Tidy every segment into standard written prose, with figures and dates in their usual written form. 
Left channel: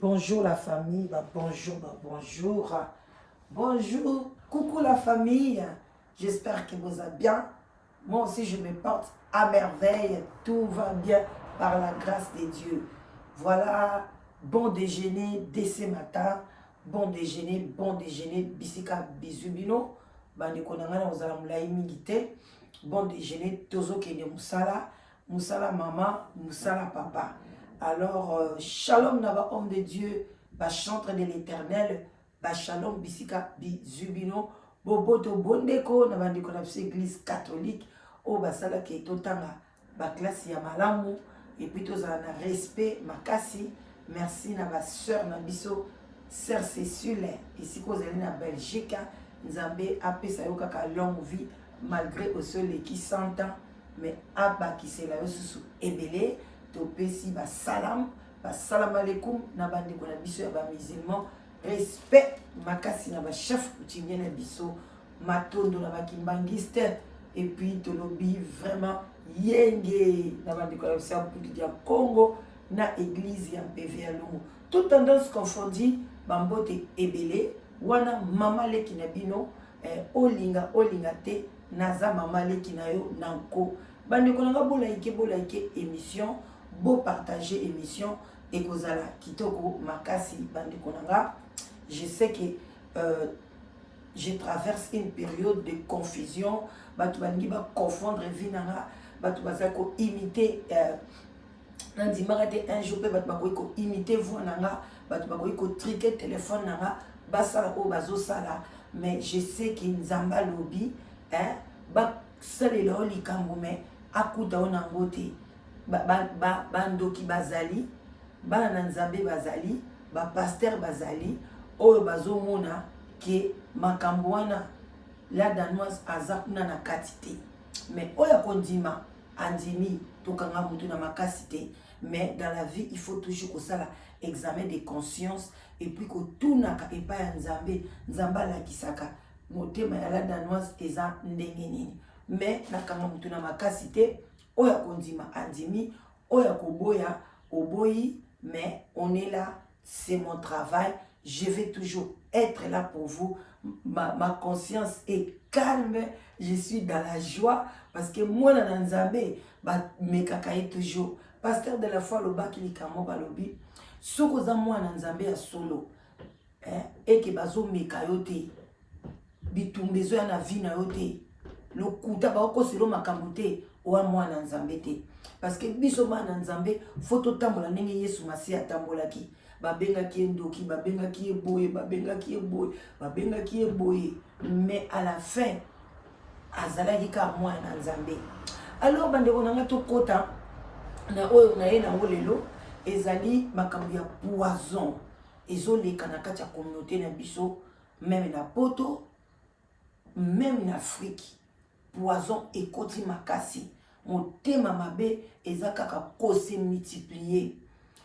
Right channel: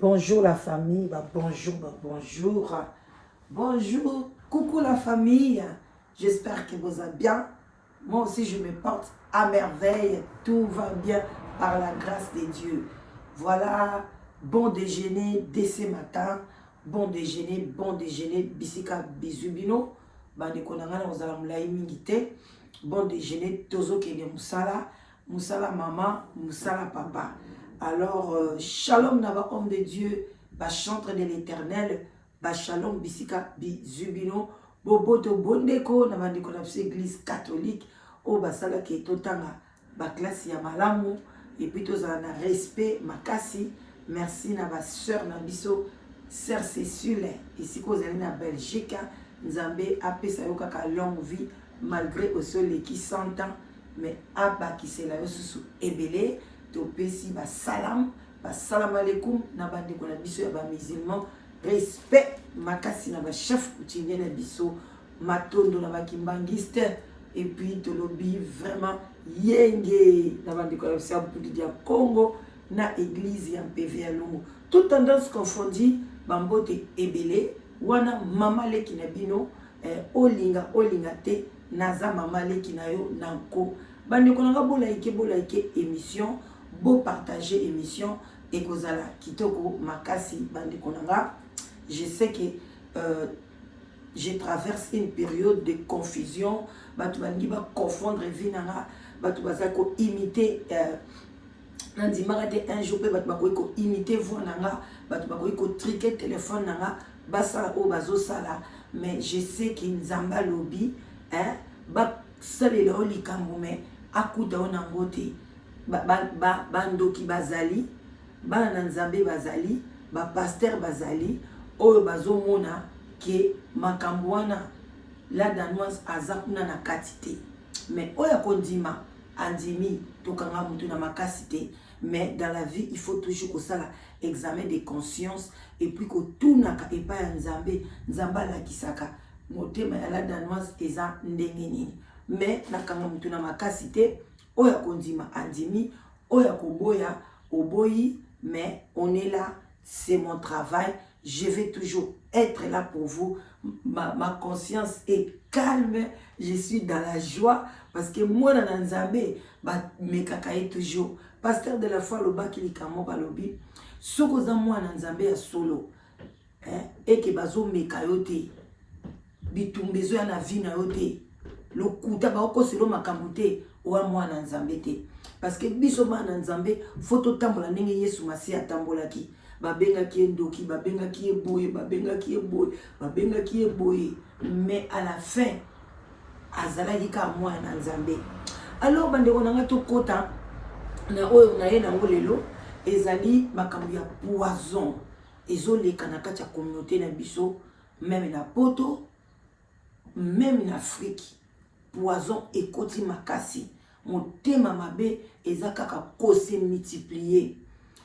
Bonjour la famille, bonjour. Bonjour, coucou la famille. J'espère que vous allez bien. Moi aussi, je me porte à merveille. Tout va bien par la grâce de Dieu. Voilà, bon déjeuner dès ce matin. Bon déjeuner. Bisika bisubino. Bande konangana ozala mulai mingite. Bon déjeuner, tozo kene musala. Musala maman, musala papa. Alors, shalom nava homme de Dieu, chantre de l'éternel, shalom bisika bizubino, boboto bondeko nava ndeko na église catholique, o basala ke totanga classe ya malamu, et puis tozala na respect makasi. Merci na ba sœur na biso, sœur Cécile, ici kozali na Belgique, nzambe apesa yo kaka longue vie malgré au sol qui 100 ans, mais abakisela yo susu ebele. Topesi salam alaikum na bandeko na biso ya ba musulman, respect makasi na ba chef coutumier na biso matondo na ba kimbangiste, et puis tolobi vraiment yenge na bandeko na biso ya Congo na église ya PV ya Lungu, toute tendance confondue, bambote ebele wana mama leki na bino olinga te naza mama leki na yo nanko bandeko na bolaike émission. Beau partager émission et kozala kitoko makasi bandeko nanga. Je sais que je traverse une période de confusion. Batu bangi ba confondre vie nanga, batu bazali ko imiter nandimaka te un jour pe batu bakoki ko imiter voix nanga, batu bakoki ko triquer téléphone nanga basala o bazo sala, mais je sais que nzamba lobi ba salelo likambo me akuta ona ngote bandoki bazali bana na nzambe bazali pasteur bazali oyo bazomona ke makambo wana la danoise aza kuna na katite, mais oyo akondima andimi tokanga mutu na makasi te. Mais dans la vie il faut toujours kosala examen de conscience, et puis kotunaka epa ya nzambe alakisaka motema ya la danoise eza ndenge nini, mais nakanga mutu na makasi te. Oya kondima andimi, oya koboya oboyi, mais on est là, c'est mon travail, je vais toujours être là pour vous. Ma conscience est calme, je suis dans la joie, parce que moi na nzambe me kakaye toujours. Pasteur de la foi lobaki likamo balobi soko za moi na nzambe ya solo et que bazo mekayote bitumbezo ya na vie na yote lokuta ba ko selo makambo te owa mwana nzambe te, parce que biso bana nzambe foto tambola ndenge Yesu Masiya atambolaki, babengaki ndoki, babengaki boye, mais à la fin azalaki ka mwana nzambe. Alors bandeko nanga tokota na oyo na ye na lelo ezali makambo ya poison ezoleka na kati ya communauté na biso, même na poto, même na Afrique. Poison ekoti makasi, motema mabe eza kaka kose multiplier.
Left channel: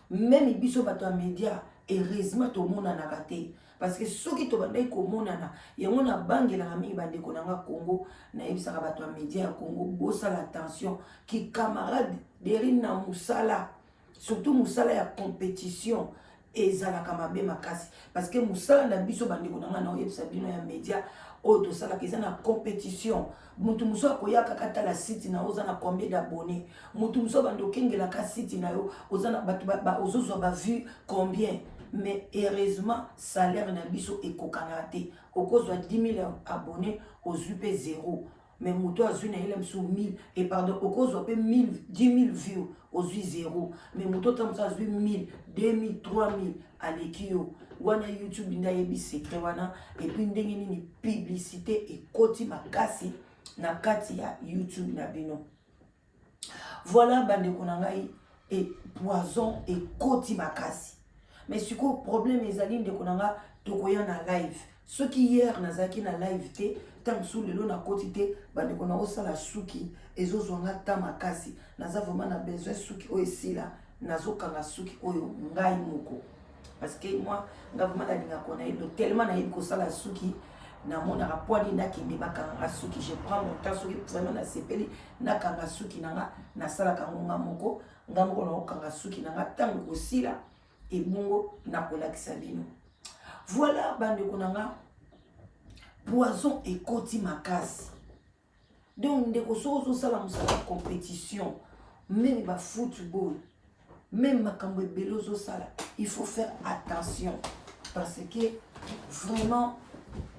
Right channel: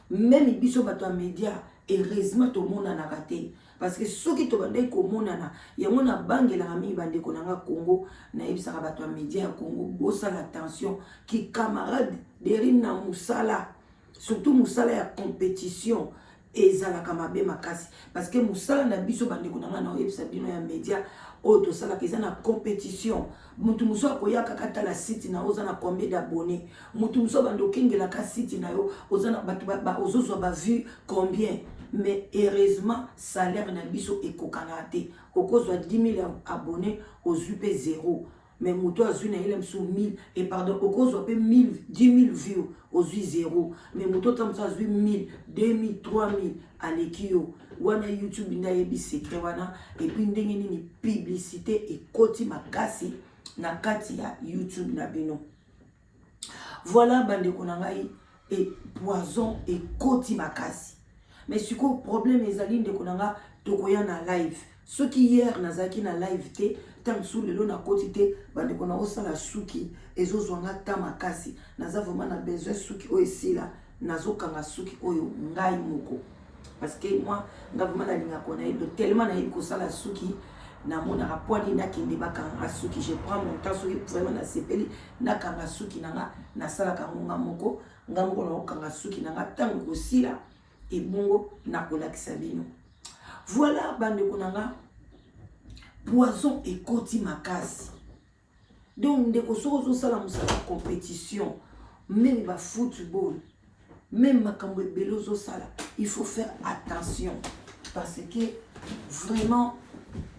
Même biso bato média heureusement to mona na kate, parce que soki to bandai ko mona na yango na bangela mingi bandeko nanga Congo na yebisaka bato média ya Congo bosala attention ki camarade derine na musala, surtout musala ya compétition ezalaka mabe makasi, parce que musala na biso bandeko nanga na yebisa bino ya média oto sala keza na compétition. Mutu muso akoyaka kata la site na oza na combien d'abonnés, mutu muso bando kengela ka site na yo oza na batu ba ozozo ba vu combien, mais heureusement salaire na biso ekokanga te okozwa 10 000 abonnés ozupe 0, mais mutu azu na ile mso 1000 et pardon okozwa pe 1000 10 000 vues ozui 0, mais mutu tamso azu 1000 2000 3000 alekio wana YouTube nda yebi secret wana, et puis ndenge nini publicité ekoti makasi na kati ya YouTube na bino. Voilà bandeko na ngai et poison ekoti makasi, mais siko problème ezali ndeko na nga tokoya na live. Ce qui hier nazaki na live te tamsu lelo na koti te bandeko na osala suki ezozwanga ta makasi, naza vraiment na besoin suki oyo esila nazokanga suki oyo ngai moko, parce que moi nga vraiment nalinga kona edo tellement na yiko sala suki na mona rapwani na kende bakanga suki, je prends mon temps soki vraiment na sepeli na kanga suki nanga na sala kango nga moko na okanga suki nanga tango kosila et bongo nakola kisabino. Voilà bande konanga poison et koti makasi. Donc ndeko soko sala musala compétition, même ba football, même makambo belozo sala, il faut faire attention parce que vraiment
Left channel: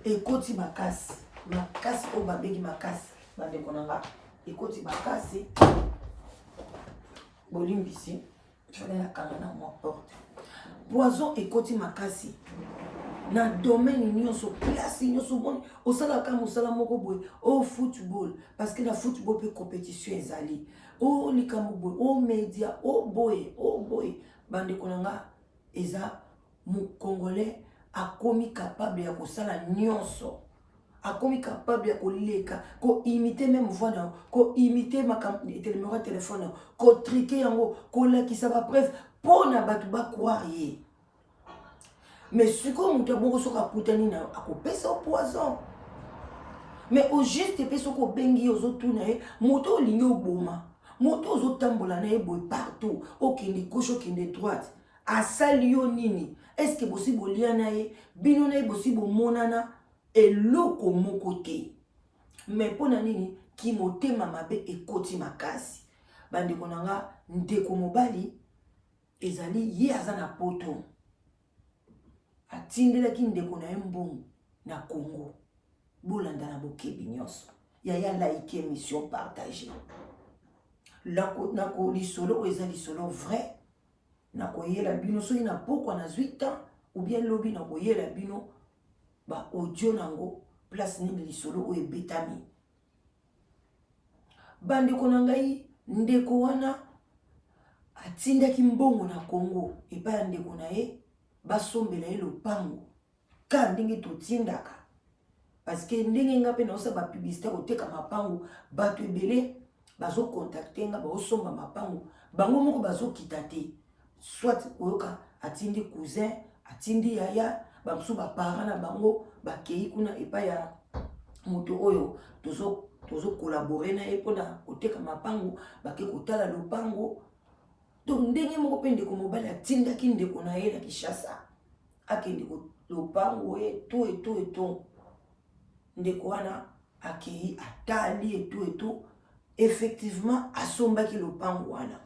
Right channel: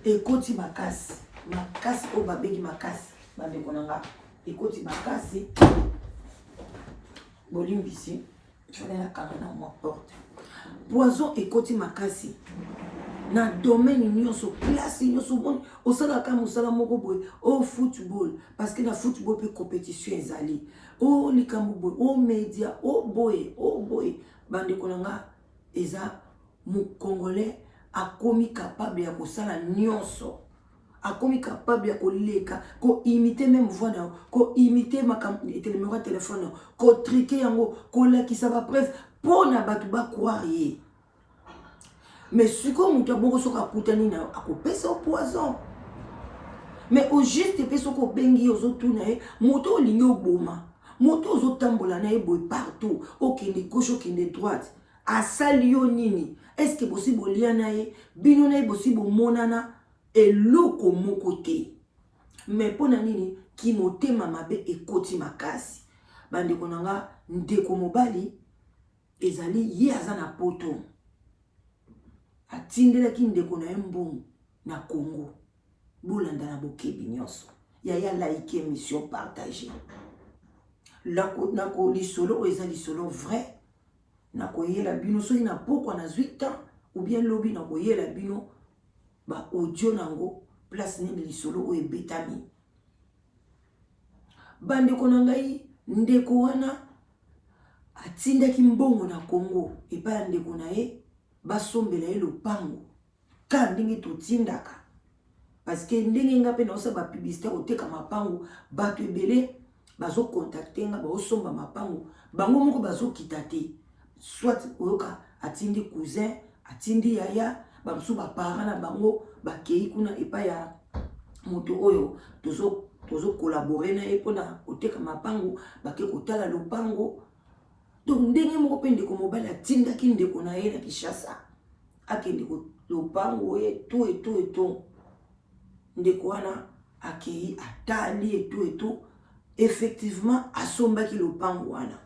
ekoti makasi, makasi o babeki makasi bande konanga ekoti makasi bolimbisi fallait la kamana mo porte poison ekoti makasi na domaine nyonso place nyonso bon osala ka mosala moko boye au football parce que la football peut compétition ezali o likambo boye o média o boye bande konanga eza mo congolais akomi capable ya kosala nyonso akomi capable ya koleka ko imiter même voix na ko imiter numéro de téléphone ko triquer yango ko lakisa ba preuve pona batu ba croire ye. Mais si comme mutu boko soka kutani na akopesa au poison. Mais au juste peso ko bengi ozo tuna e moto olingi oboma moto ozo tambola na e boy partout okende gauche okende droite asali yo nini est-ce que possible liana e bino na e possible monana eloko moko te. Mais pona nini ki motema mabe ekoti makasi bande konanga ndeko mobali ezali ye azana poto atindela ki ndeko na mbongo na Congo bolanda na bokebi nyonso ya like émission partagée nako lisolo eza lisolo vrai nako yela bino so ina poko na 8 ans ou bien lobi nako yela bino ba audio nango place ni lisolo o ebetami bande konangai ndeko wana atindaki mbongo na Congo epa ndeko na ye basombela ye lopango ka ndenge totindaka parce que ndenge nga pe na osa ba publicité oteka mapango bato ebele bazo contacter nga ba osomba mapango bango moko bazo kitate soit oyoka atindi cousin atindi yaya bamsu ba parents na bango bakei kuna epa ya moto oyo tozo collaborer na ye pona oteka mapango bake kotala lopango. Donc ndenge moko pe ndeko mobali atindaki ndeko na ye na Kinshasa akende ko lopango e tout ndeko wana akei atali et tout effectivement asombaki lopango wana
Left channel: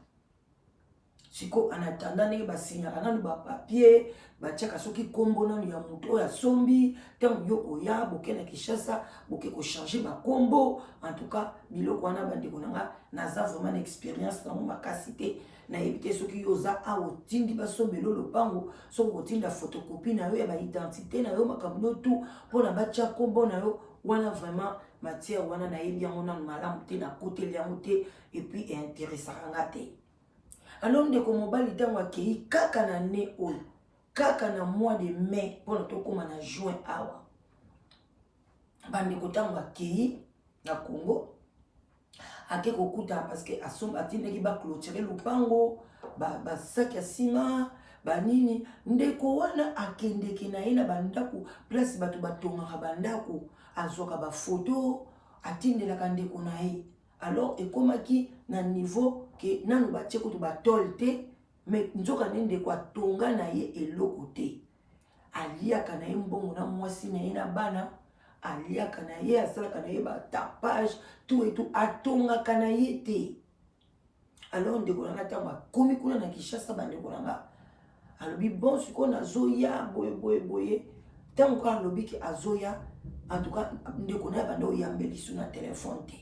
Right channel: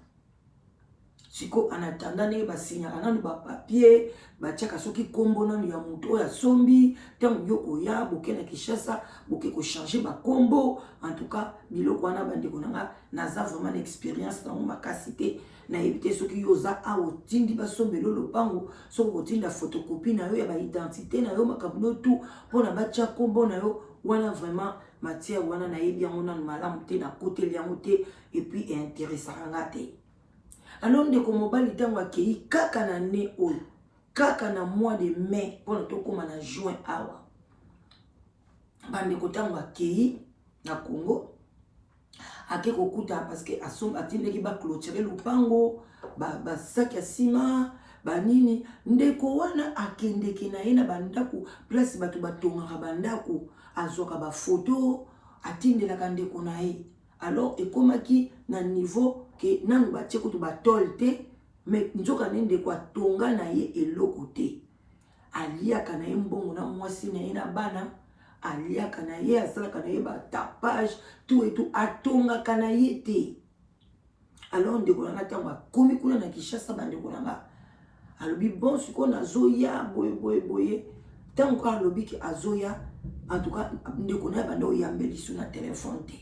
siko en attendant ndenge basignaka nanu ba papier batiaka soki kombo nanu ya moto oyo asombi ntango yo koya boke na Kinshasa boke ko changer ba kombo. En tout cas biloko wana bandeko nanga naza vraiment expérience na makasi te na éviter soki yoza a otindi basombelo lopango soko kotinda photocopie na yo ya ba identité na yo makambo tout pona batia kombo na yo wana vraiment matière wana na yebi yango na malamu te na côté yango te et puis intéressant te. Alors ndeko mobali tango akei kaka na ne oyo kaka na mois de mai pona tokoma na juin awa bandeko tango akei na Congo ake kokuta parce que atindaki ba clôturer lopango ba sac ya sima ba nini ndeko wana akendeki na ye na bandaku place batu batongaka bandaku azoka ba photo atindelaka ndeko na ye. Alors ekomaki na niveau que nanu batie kutu batol te mais nzoka nende kwa tonga na ye eloko te aliaka na ye mbongo na mwasi na ye na bana aliaka na ye asalaka na ye ba tapage tout et tout atongaka na ye te. Alors ndeko nanga tango akomi kuna na Kinshasa bandeko nanga alobi bon siko nazoya boye tango alobi ki azoya en tout cas ndeko na bando yambeli su na téléphone te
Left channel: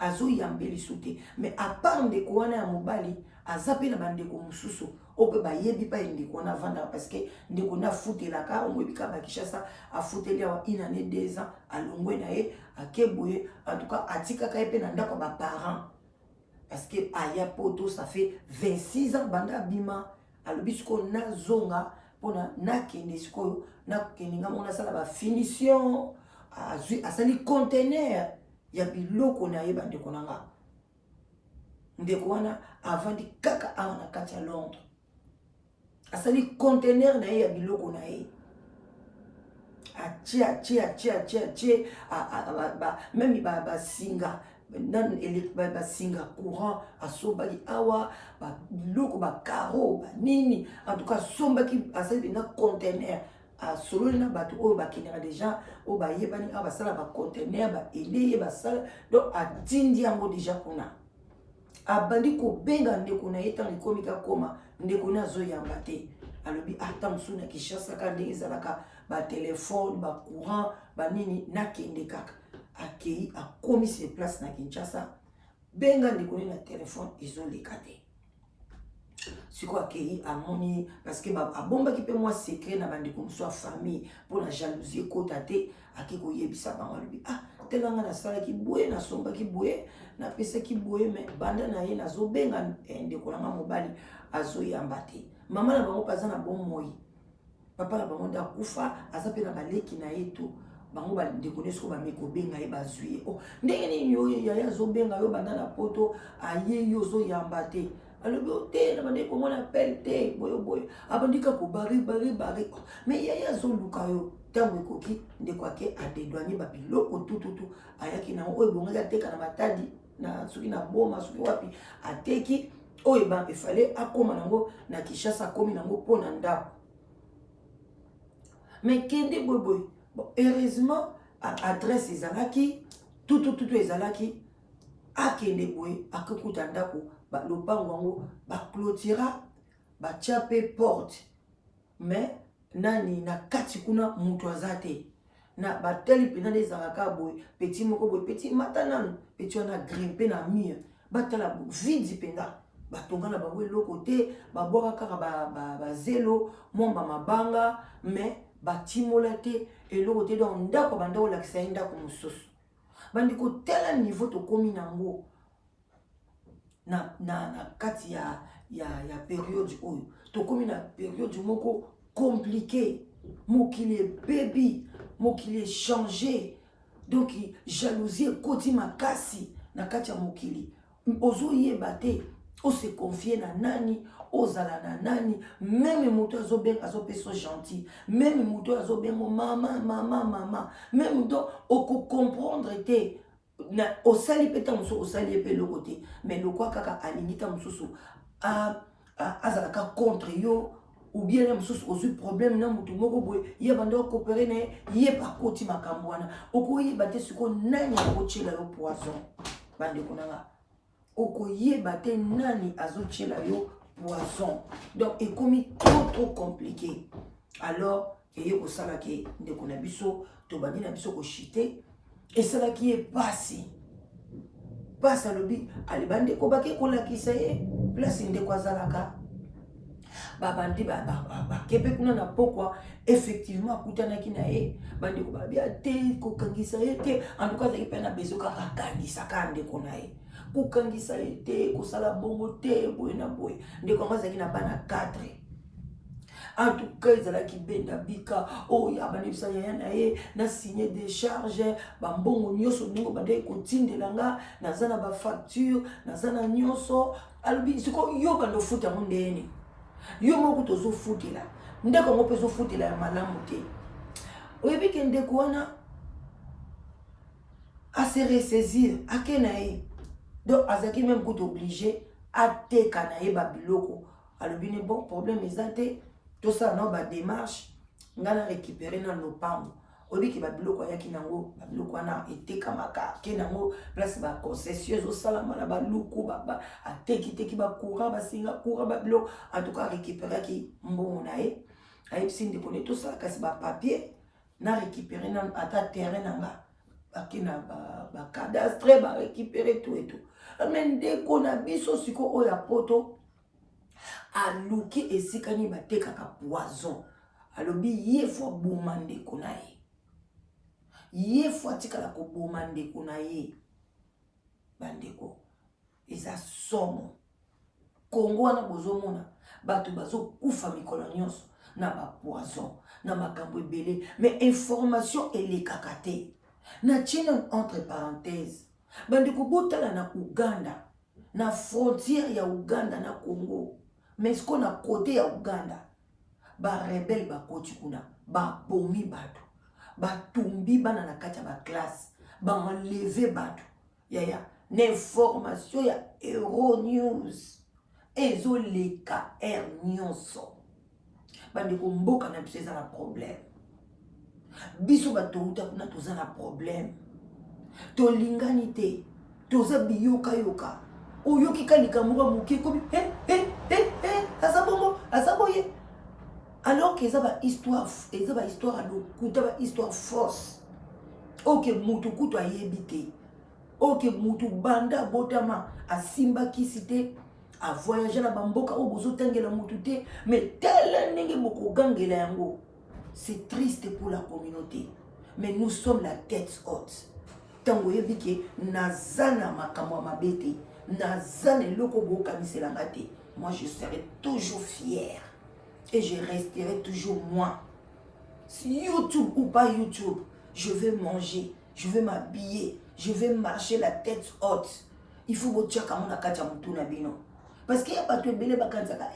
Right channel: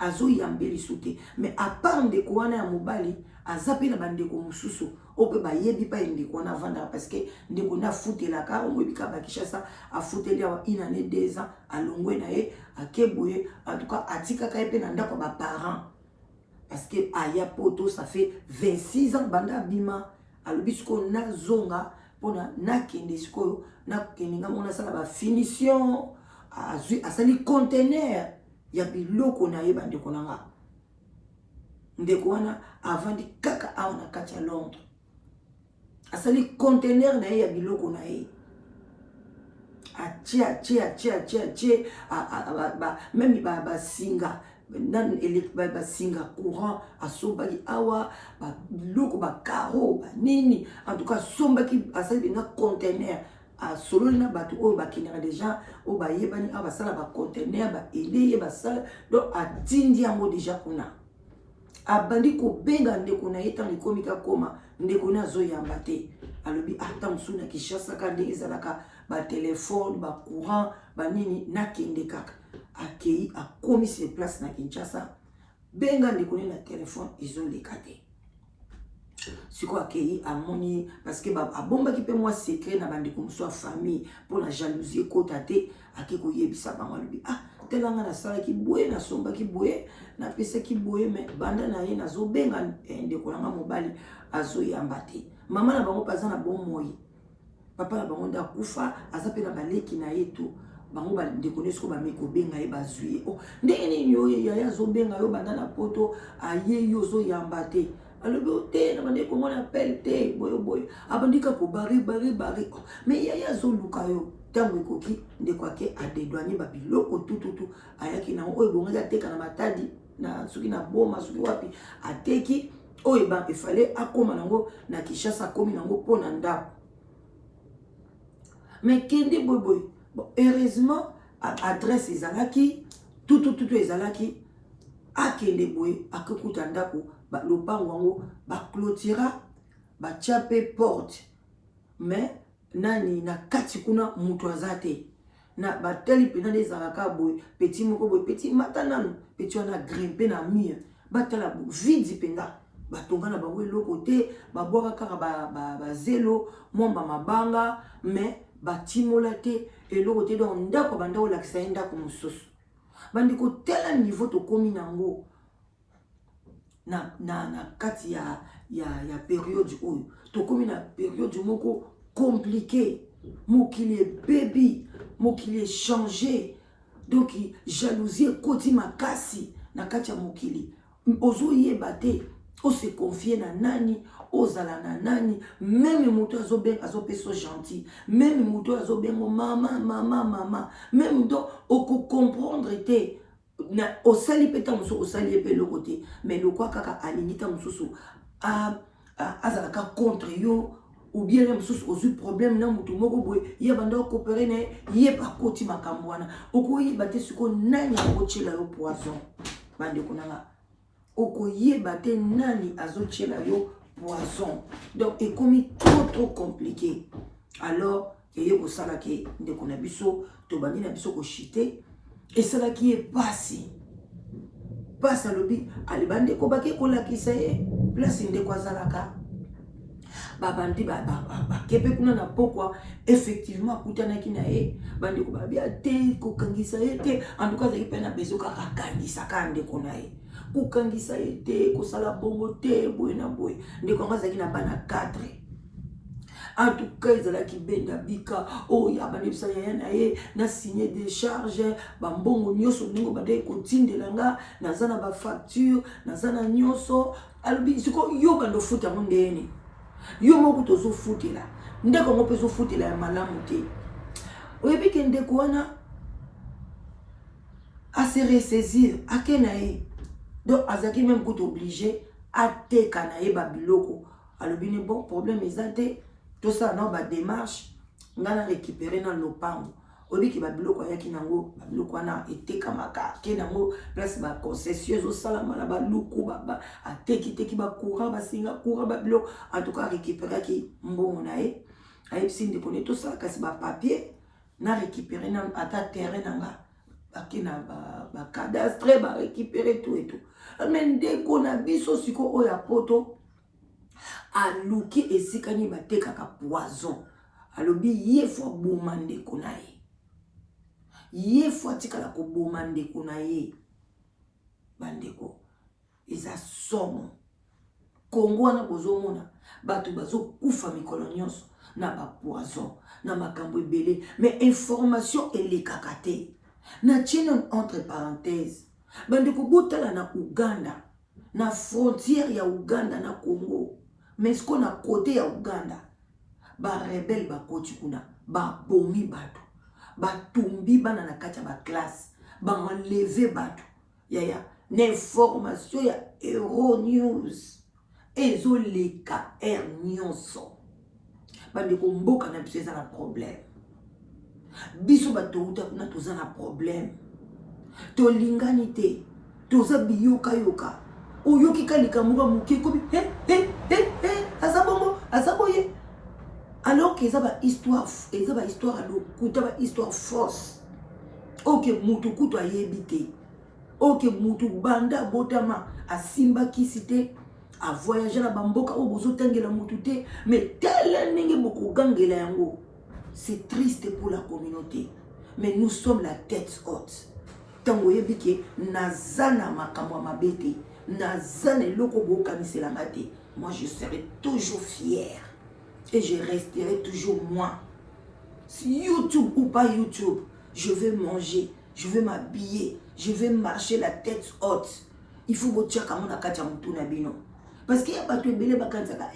azo yambeli su te. Mais à part ndeko wana ya mobali azapi na bandeko mususu ope ba yebi pa ndeko na vanda parce que ndeko na futelaka omwebika ba Kinshasa a futeli wa une année 2 ans alongwe na ye akeboye. En tout cas atika ka epe na ndako ba parents parce que aya poto ça fait 26 ans banda bima alobi siko na zonga pona na kende siko na keninga mona sala ba finition asali conteneur ya biloko na ye bandeko nanga ndeko wana avandi kaka awa na kati ya Londres asali conteneur na ye ya biloko na ye achie même ba singa nan ba singa courant asomba ki awa ba loko ba caro ba nini en tout cas somba ki asali na conteneur a solo na bato o ba kinera déjà o ba yebani a ba sala ba conteneur ba eleye ba sala donc atindi yango déjà kuna abandi ko benga ndeko na yeta likomi ka koma ndeko na zo yamba te alobi ata musuna Kinshasa ka ndenge ezalaka ba téléphone ba courant ba nini na kende kaka akei akomi se place na Kinshasa benga ndeko na téléphone ezoleka te siko akei amoni parce que abomba ki pe moi secret na bandeko muso famille pour la jalousie kota te akiko yebisa bango alobi telanga na sala ki boye na somba ki boye na pesa ki boye mais banda na ye nazo benga ndeko na mobali azo yamba te mama na bango paza na bon moi papa na bango nda kufa aza pe na baleki na yeto bango ba ndeko nesko ba meko benga ye bazui ndenge nini yo ya zo benga yo banda na poto aye yo zo yamba te alobi te na bandeko mona appel te boyo abandika ko bari mais ya zo luka yo tango ekoki ndeko ake adedwanye ba biloko tututu ayaki na oyo bonga teka na matadi na suki na boma suki wapi ateki oyo ba efale akoma nango na Kinshasa komi nango pona ndako mais kende boy bon heureusement adresse ezalaki tututu ezalaki akende boy akakuta ndako ba lopango ngo ba clôtura ba chape porte mais nani na kati kuna mutu azate na bateli pena ezalaka boy petit moko boy petit matanano petit wana grimper na mur batala vide penda batonga na bango eloko te babwaka kaka ba zelo momba mabanga mais batimola te eloko te donc ndako banda olakisa ndako mosusu bandi ko tela niveau to komi nango na kati ya période oyo to komi na période moko compliqué mokili baby mokili changé donc jalousie koti makasi na kati ya mokili ozo yeba te o se confier na nani ozala na nani même moto azo peso gentil même moto azo bengo mama même donc oko comprendre te na osali peta muso osali pe le côté mais le quoi kaka alinita mususu azalaka contre yo ou bien les mususu ozu problème na mutu moko boye ye banda coopérer ne ye pa koti makambo wana okoyeba te siko nani akochela yo poison bande konanga okoyeba te nani azochela yo poison donc ekomi trop compliqué alors eye kosala ke ndeko na biso to bandi na biso ko chiter et cela qui est passé passe alobi alibande ko bake ko lakisa ye place ndeko azalaka babandi ba kepe kuna na pokwa effectivement kutana kina ye bandi ko babia te ko kangisa ye te en tout cas za ipena bezo ka kangisa ka ndeko na ye ko kangisa ye te ko sala bongo te boy na boy ndeko ngaza kina bana 4 en tout cas ils allaient qui benda bika oh ya bani bisa yana ye na signer des charges ba mbongo nyoso ningo bade ko tindelanga na zana ba facture na zana nyoso albi siko yo kando futa mondeni yo moko tozo futela ndeko ngo peso futela ya malamu te oyebi ke ndeko wana a se ressaisir akena ye donc azaki même ko obligé à teka na ye ba biloko albi ne bon problème ezate tout ça non ba démarche ngana récupérer dans lopango obi ki ba biloko yaki nango ba biloko na eteka maka ke nango place ba concession salama na ba luku ba ateki ba courant ba singa courant ba biloko en tout cas récupérer ki mbongo na ye ay sinde pone tout ça kasi ba papier na récupérer na ata terrain nanga akina ba cadastre ba récupérer tout et tout mais ndeko na biso siko oya poto aluki esikani batekaka poison alobi ye fo boma ndeko na ye fo atikala ko boma ndeko na ye bandeko eza somo Kongo wana bozomona bato bazo kufa mikolo nyonso na ba poison na makambo ebele mais information elekaka te na tshina entre parenthèses bandeko botala na Uganda na frontière ya Uganda na Congo mais ce qu'on a côté ya Uganda ba rebelle ba koti kuna ba bomi bato ba tumbi bana na kati ya ba classe ba enlever bato ya N'information ya Euronews. Ezoleka Air Nyonso. Bande ko mboka na biso eza na problème. Biso batouta kuna toza na problème. Tolingani te. Toza biyoka yoka. Oyoki kalika muka muke kobi asaboye. Alors que ça va histoire à l'autre, va histoire fausse. Ok, mutu kutu a yebite. Ok, mutu banda botama a simba kisite. A voyager la bamboka au bozo tangela mutute, mais tel nenge moko gangela yango. C'est triste pour la communauté, mais nous sommes la tête haute. Tango yebike nazana makamwa mabete, nazana loko boka miselamate. Moi je serai toujours fier et je resterai toujours moi. Si YouTube ou pas YouTube, je vais manger, je vais m'habiller, je vais marcher la tête haute. Il faut botia kamona kacha mutuna bino. Parce qu'il y a pas de bébé bakanzaka.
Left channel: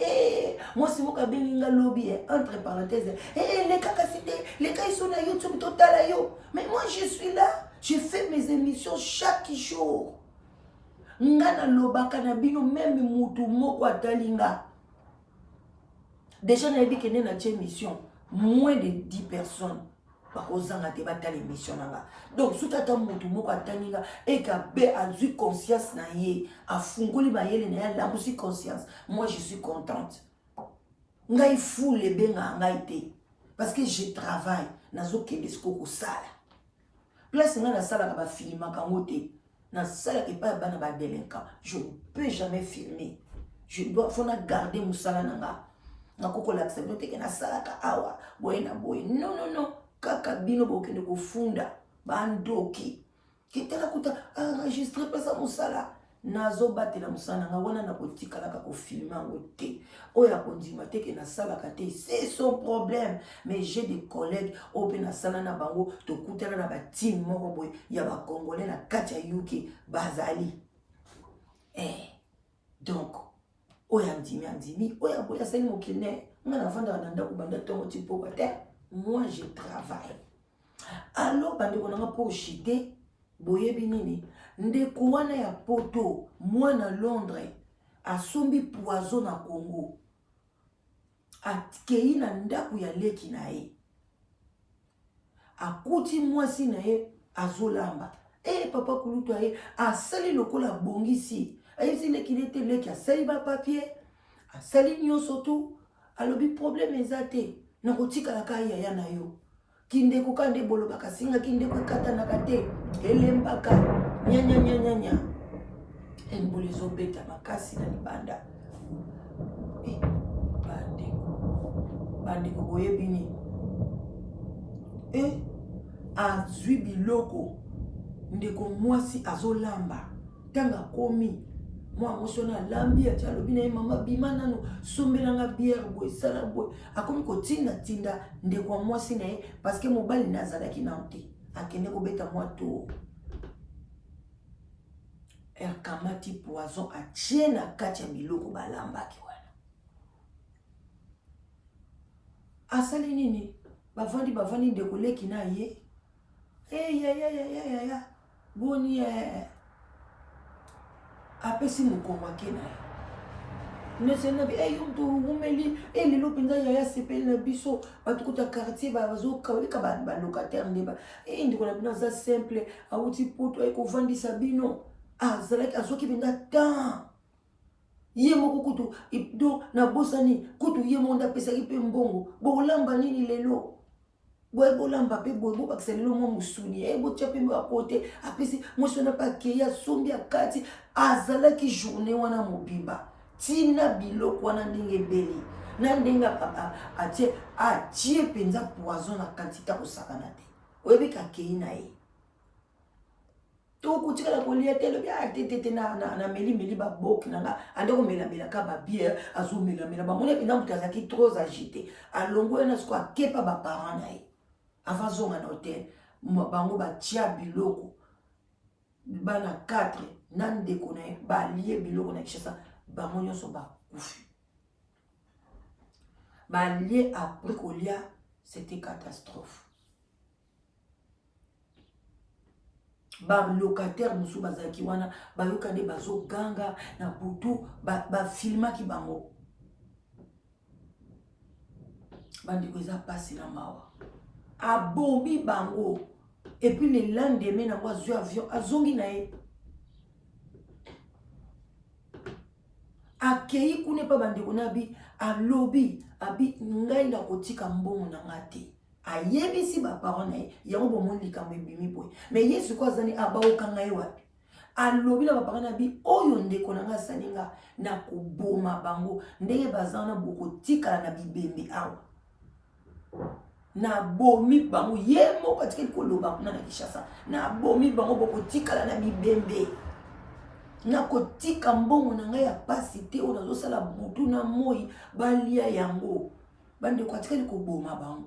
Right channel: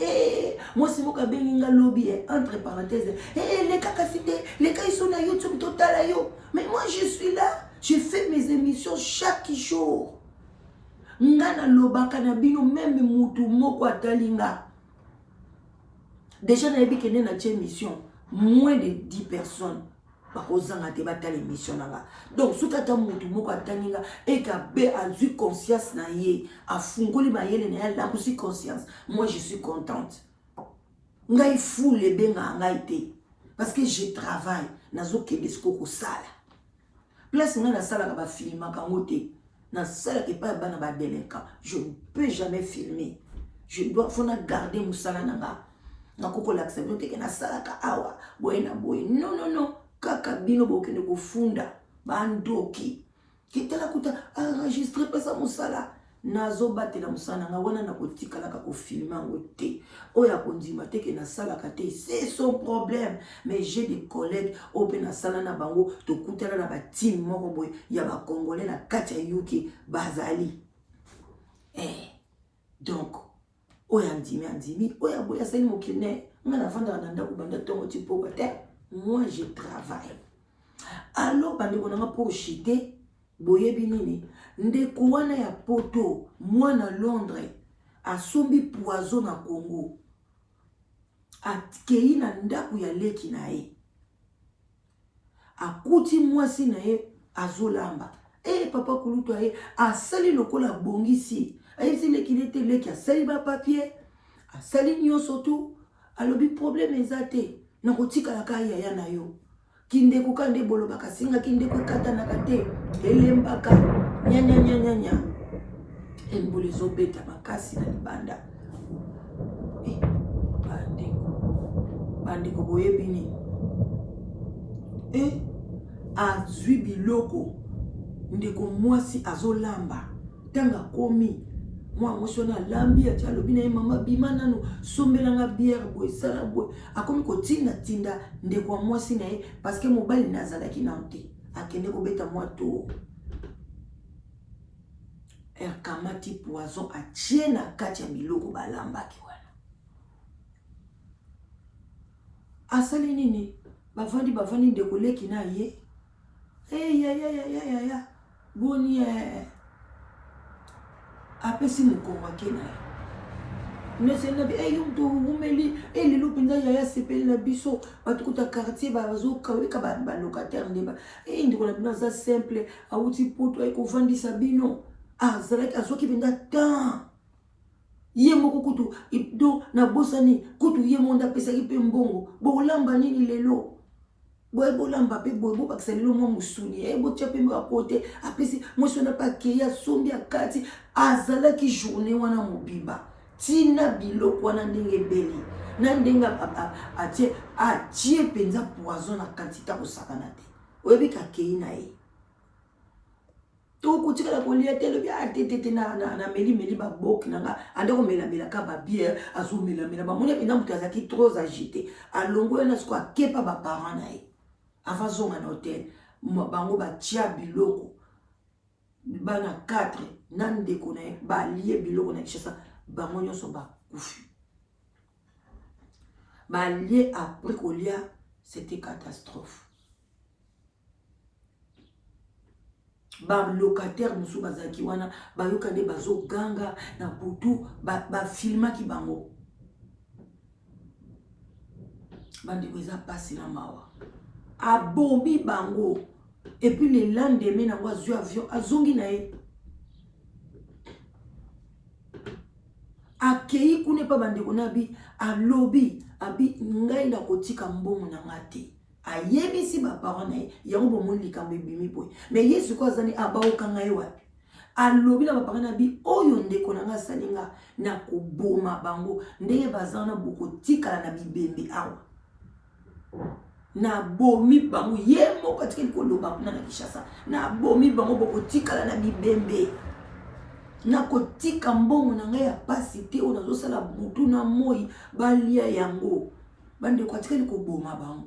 Moi c'est mon kabelinga lobby entre parenthèses. Les cacacités, les cas ils sont sur YouTube total yo. Mais moi je suis là, je fais mes émissions chaque jour. Ngana lobaka na bino même mutu moko atalinga. Déjà na yebi kene na émission, moins de 10 personnes. Donc, si tu as et que a eu conscience, a fungoli a conscience, moi je suis contente. Ngai fou le benga ngaite parce que je travaille nazo kedesko ko sala. Place nga na sala ka ba filma ka ngote. Na sala ke pa bana ba délinquant. Je ne peux jamais filmer. Je dois faut na garder musala nanga. Na koko l'accepter que na sala ka awa boy na boy. Non non non. Kaka bino bokende kufunda bandoki kitala kuta enregistrer pesa musala nazo batela musala nga wana na kotika na ko filmer ngote oya kondima teke na sala kate c'est son problème. Mais j'ai des collègues au na sala na bango to kutala na ba team moko boy ya ba congolais la katia yuki bazali donc oya ndimi oya boya sali mokine ngana vanda na ndako banda tongo tipo bate. Moi, je travaille. Alors, pour chiter, boye binini, ndeko wana ya poto, moi na Londres, a sombi poison na Congo. A kei na ndaku ya leki na e. A kuti mwasi na e, azolamba. Papa kulutu a e, a sali lokola bongisi. A yisi leki nete leki, a sali ba papier, a sali nyonso tu, alobi problème ezate. Na kotika la kaya ya na yo kinde kukande bolo bakasinga kinde kukata na kate elembaka nya embole zobeta bakasi na libanda bande ko boye bini azwi biloko ndeko mwasi azolamba tanga komi moi mosona lambi ya chalobi na mama bimana no sombelanga bière boy sala boy akomi ko tinda ndeko mwasi na ye parce que mobali nazala ki nante akende ko beta moi to kamati poison a tiena kati ya biloko balamba ki wana asali nini bavandi ndeko leki na ye ya boni apesi mukoma kena nesena bi yumto umeli lelo pinda ya sepeli na biso batukuta quartier bazo ka ba locataire ndeba ndiko na bino za simple auti poto ay ko vandisa bino azalaki azoki binda tan ye moko kutu do na bosani kutu ye monda pesa ki pe mbongo bolamba nini lelo boy bolamba pe boy bakisa lelo mo musuni bo tchape mo akote apesi mo sona pa ke ya sombi akati azalaki journée wana mobiba tina biloko wana ndenge beli na ndenga papa atie penza poison na quantité ko sakana te oyebi ka kei na ye to kutika la kolia telo bia tete na meli ba bok nanga ande ko mela ka ba bière azu mela ba mona bina mutazaki trop agité alongo na sko akepa ba parents na ye avant zonga na hotel bango ba tia biloko bana 4 nan ndeko na ye ba lié biloko na kishasa bango nyonso ba kufi ba lié après kolia c'était catastrophe ba locataire musu bazaki wana ba yokande bazo ganga na butu ba filma ki bango bandi kweza pasi na mawa abombi bango et puis le lendemain na kwa zo avion azongi na ye akei kune pa bandi kona bi alobi abi ngai na kotika mbongo na ngati ayebisi ba parents na ye yango bomoni likambo ebimi boye mais yesu ko azani abaokanga ye wapi alobi na ba parents na bi oyo ndeko na nga salinga na koboma bango ndenge bazana bokotikala na bibembe awa na bomi bango ye moko atikeli koloba na Kinshasa na bomi bango bokotikala na bibembe na kotika mbongo na ngai ya pasi te oyo nazosala butu na moi balia yango bandeko atikeli koboma bango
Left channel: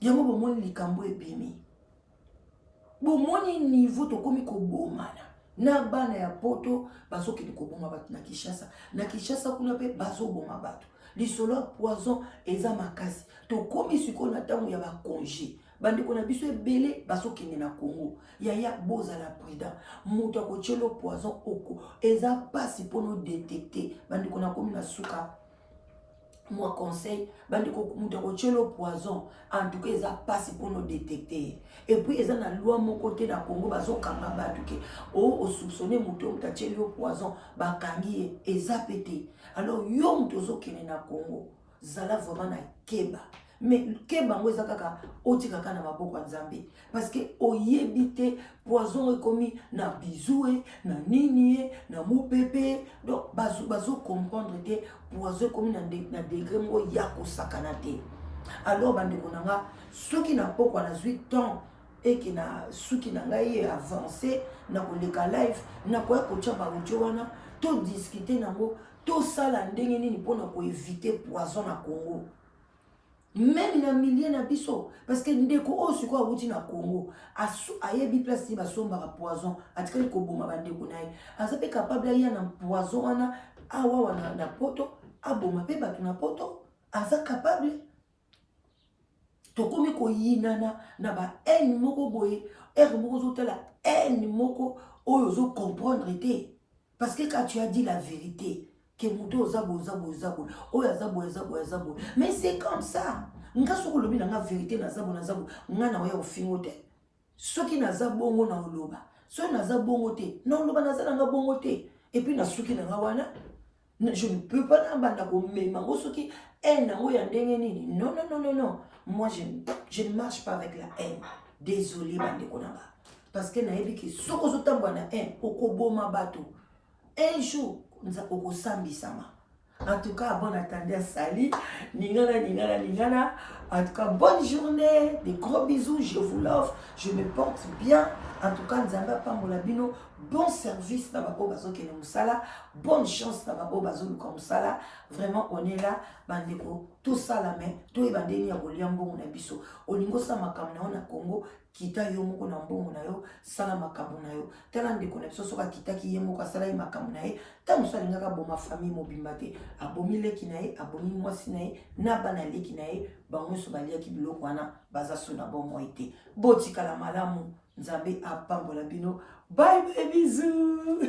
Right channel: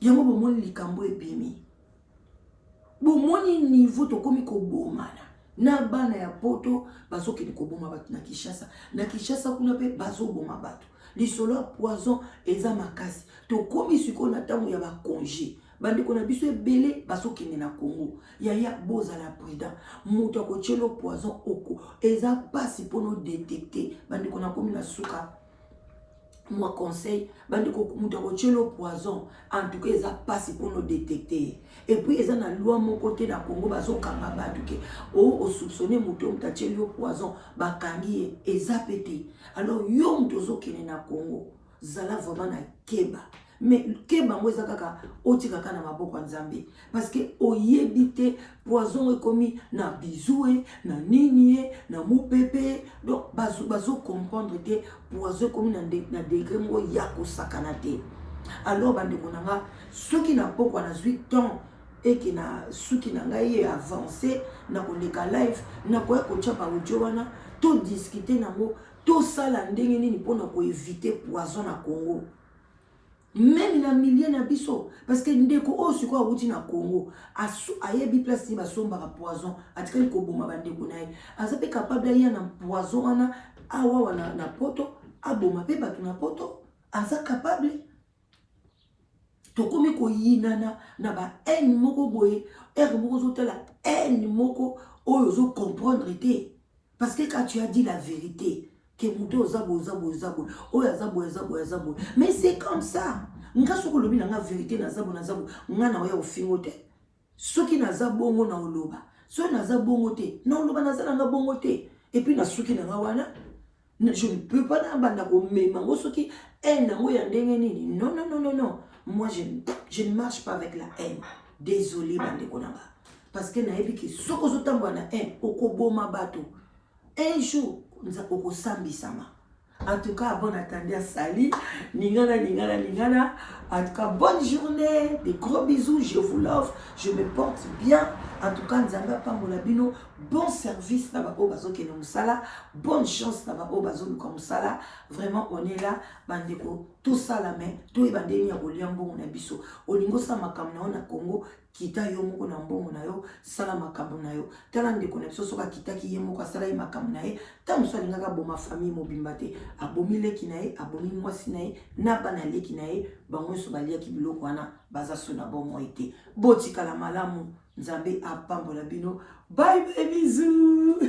yango bomoni likambo ebimi bomoni niveau tokomi kobomana na bana ya poto bazokende koboma bato na Kinshasa kuna pe bazoboma bato lisolo ya poison eza makasi tokomi siko na ntango ya bakonge bandeko na biso ebele bazokende na Congo yaya bozala prudent moto akotielo poison oko eza pasi mpono détecter bandeko na komi na suka moi conseil bandeko moto akotielo poison en tout cas eza pasi mpono détecter et puis eza na loi moko te na Congo bazokanga bato ke o soupçonner moto atielo poison bakangi eza pete alors yo moto ozokende na Congo zala vraiment na keba mais keba ngo eza kaka otika kaka na maboko ya Nzambe parce que oyebite poison ekomi na bizoue na nini na mupepe donc bazo comprendre que poison ekomi na degré ngo ya kosakana te alors bandeko nanga soki na poko na 8 ans et que na suki na ngai avancé na koleka live na koya kotia ba audio wana to discuter nango to sala ndenge nini pona ko éviter poison na Congo même na milliers na biso parce que ndeko o siko awuti na Congo ayebi place ni basomba ka poison atikali ko boma bandeko naye azape capable ya na poison wana awa wana na poto aboma pe batu na poto aza capable tokomi ko yinana na ba haine moko boye moko zotala haine moko oyo zo comprendre te parce que quand tu as dit la vérité que muto zabo oyo zabo mais c'est comme ça nga soko lobi na nga vérité na zabo nga na oya ofingo te soki na zabongo na oloba so na zabongo te na oloba na zala nga bongo te et puis na soki na nga wana je ne peux pas na banda ko mema ngo soki na ngo ya ndenge nini non moi je ne marche pas avec la haine désolé bande konanga parce que na yebi ki soko zotambwa na haine okoboma bato un jour nza okosambisama. En tout cas, bon attendez à Sali. Ningana. En tout cas, bonne journée. Des gros bisous. Je vous love. Je me porte bien. En tout cas, Nzamba Pamolabino. Bon service. Nababo Bazo Kene Moussala. Bonne chance. Nababo Bazo Moussala. Vraiment, on est là. Bandeko. Tout ça la main. Tout est bandé. Ni Aboliambo Monabiso. Olingo Samakamna na Congo. Kita yo moko na mbongo na yo sala makambo na yo tala ndeko na biso soka kita ki ye moko sala yi makambo na ye ta muso alingaka boma famille mobimba te abomi leki na ye abomi mwasi na ye na bana leki na ye bango so baliaki biloko wana baza so na bon moi te botikala malamu Nzambe apambola bino bye bye bisous